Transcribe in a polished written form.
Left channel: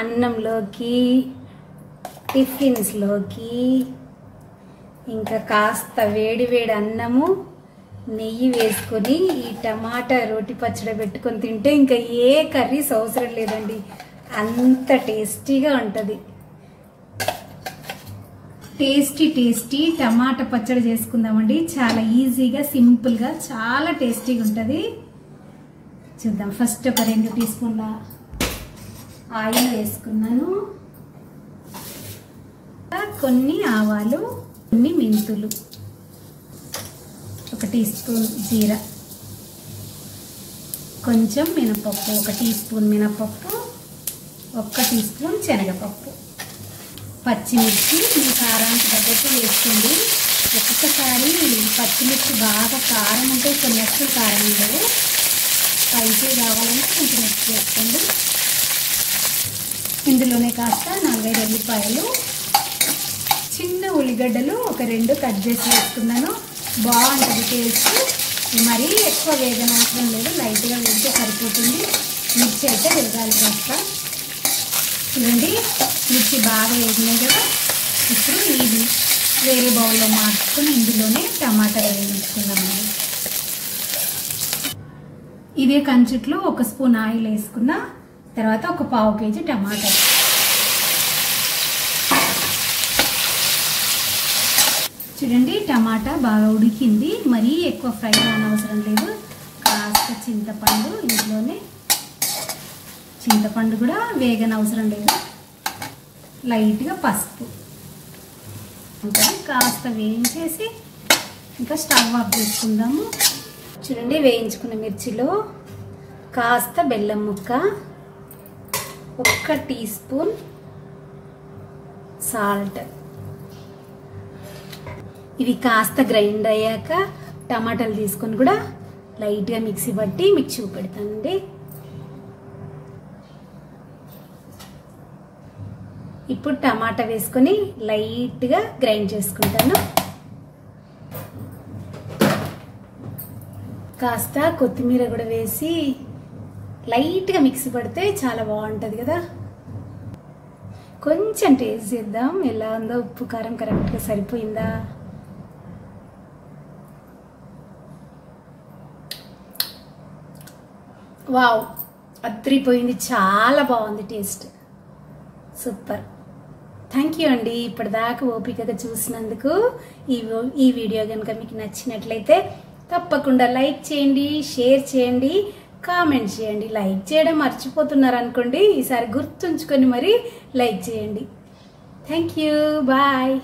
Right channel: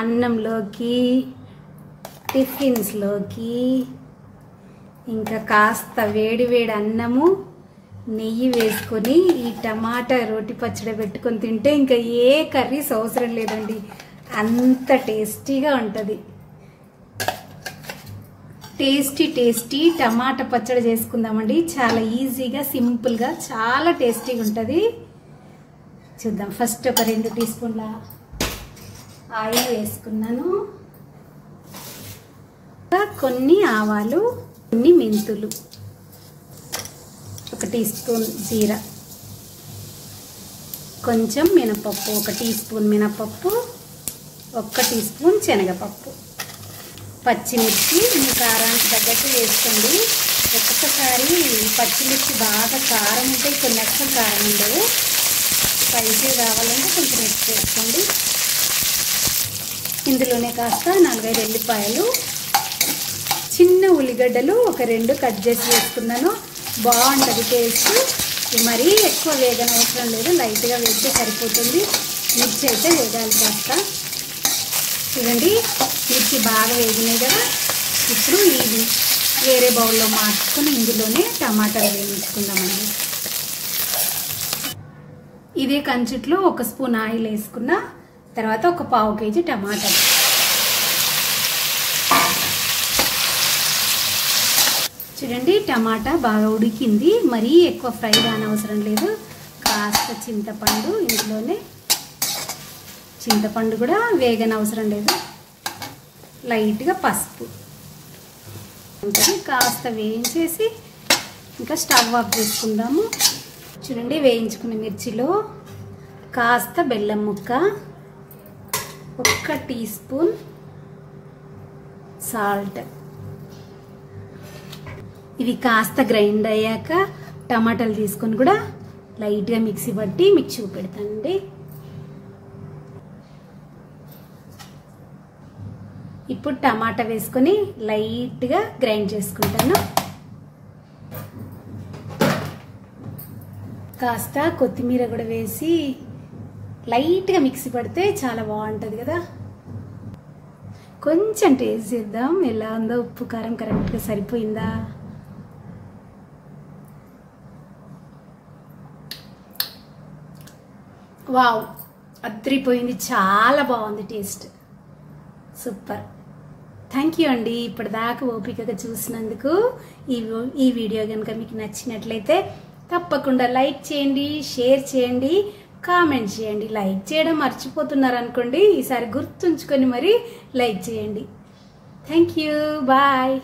అన్నంలోకి, టిఫిన్స్లోకి, ఇంకా కాస్త వేడి వేడి అన్నము నెయ్యి వేసుకొని ఈ టమాటా రోటి పచ్చడి పెట్టుకొని తింటే ఇంకా ఏ కర్రీస్ అవసరం లేదండి, అంత టేస్టీగా ఉంటుంది. టేస్టీ టమాటా పచ్చడి చేసుకుందామండి. చాలా ఈజీగా, సింపుల్గా, చాలా టేస్టీగా ఉంటుంది. చూద్దాం. ఫస్ట్ ఒక 2 టీ స్పూన్ల ఆయిల్ వేసుకున్నాను. కొన్ని ఆవాలు, కొన్ని మెంతులు, 1 టీ స్పూన్ జీరా, కొంచెం మినపప్పు, 1 టీ స్పూన్ మినపప్పు, 1 టీ స్పూన్ శనగపప్పు, పచ్చిమిర్చి మీ కారానికి తగ్గట్టు వేసుకోండి. ఒక్కొక్కసారి పచ్చిమిర్చి బాగా కారం ఉంటే కొన్ని అసలు కారం ఉండవు. స్పైసీ కావాలంటే కొంచెం ఎక్కువ వేసుకోండి. ఇందులోనే కాస్త 4 ఎల్లిపాయలు, చిన్న ఉల్లిగడ్డలు ఒక 2 కట్ చేసి వేసుకున్నాను. బాగుంటుంది టేస్ట్. మరీ ఎక్కువ వేగన అవసరం లేదు, లైట్గా వేస్తే సరిపోతుంది. మిర్చి అయితే వేగాలి కాస్త. చూడండి, మిర్చి బాగా వేగింది కదా. ఇప్పుడు ఇది వేరే బౌల్లో మార్చుకొని ఇందులోనే టమాటా వేయించుకుందామండి. ఇదే కంచుట్లో 1 స్పూన్ ఆయిల్ వేసుకున్న తర్వాత ఒక 1/2 కేజీ టమాటా. చూడండి, టమాటా బాగా ఉడికింది. మరీ ఎక్కువ ఫ్రై అవసరం లేదు. కాస్త చింతపండు, ఇందులోనే చింతపండు కూడా వేగన అవసరం లేదు. లైట్గా పసుపు కాస్త వేయించేసి ఇంకా స్టవ్ ఆఫ్ చేసుకుందాము. చూడండి, వేయించుకున్న మిర్చిలో కాస్త బెల్లం ముక్క, 1 టీ స్పూన్ సాల్ట్. ఇవి కాస్త గ్రైండ్ అయ్యాక టమాటాలు తీసుకొని కూడా లైట్గా మిక్సీ పట్టి మీకు చూపెడతానండి. ఇప్పుడు టమాటా వేసుకొని లైట్గా గ్రైండ్ చేసుకుంటాను. కాస్త కొత్తిమీర కూడా వేసి లైట్గా మిక్సీ పడితే చాలా బాగుంటుంది కదా. కొంచెం టేస్ట్ చేద్దాం ఎలా ఉందో, ఉప్పు కారం కరెక్ట్గా సరిపోయిందా. వావ్, అద్రిపోయింది. చాలా బాగుంది టేస్ట్, సూపర్. థ్యాంక్ యూ అండి ఇప్పటిదాకా ఓపికగా చూసినందుకు. ఈ వీడియో కనుక మీకు నచ్చినట్లయితే తప్పకుండా లైక్ చేయండి, షేర్ చేయండి, కామెంట్ చేయండి. లైక్ చేయడం మర్చిపోతున్నారు అనుకోండి, ఈసారి గుర్తుంచుకొని మరి లైక్ చేయండి. Thank you, bye.